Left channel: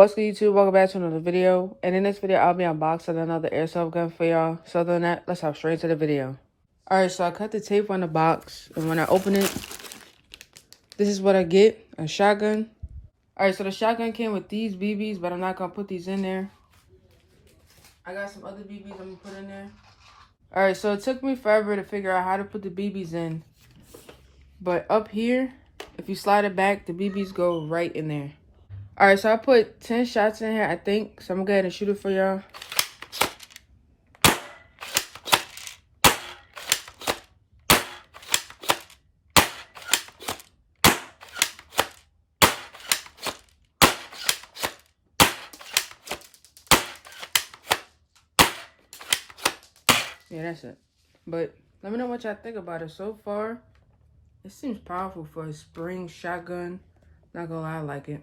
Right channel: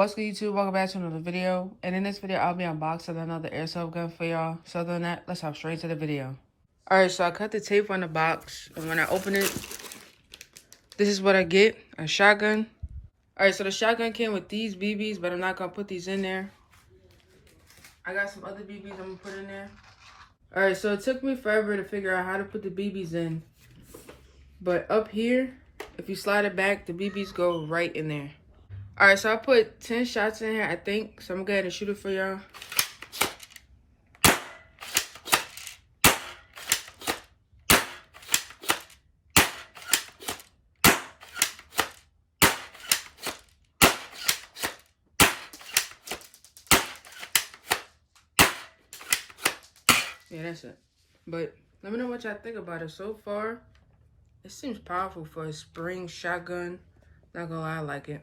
What's good, YouTube? Welcome back to another video. And in this video, I'll be unboxing another airsoft gun for y'all. So other than that, let's hop straight to the video. Alright, so I cut the tape on the box. And when I open it, this is what I get. A shotgun. Alright, so the shotgun came with these BBs, but I'm not going to put these in there. I got some other BBs I'm going to put in there. Alright, so it took me forever to figure out how to put the BBs in. But up here, if you slide it back, the BBs go right in there. Alright, so I put 10 shots in here, I think. So I'm going to go ahead and shoot it for y'all. Yeah, that's it. But let me know what y'all think about it. So far, it seems powerful for a spring shotgun. Not gonna lie, I like it.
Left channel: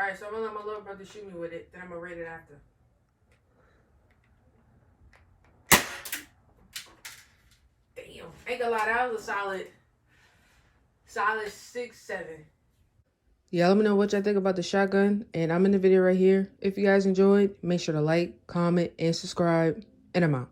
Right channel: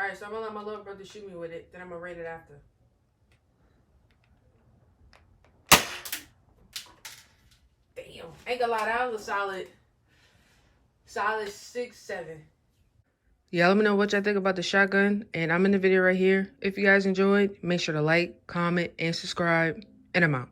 Alright, so I'm gonna let my little brother shoot me with it, then I'm gonna rate it after. Damn, ain't gonna lie, that was a solid 6-7. Yeah, let me know what y'all think about the shotgun, and I'm in the video right here. If you guys enjoyed, make sure to like, comment, and subscribe, and I'm out.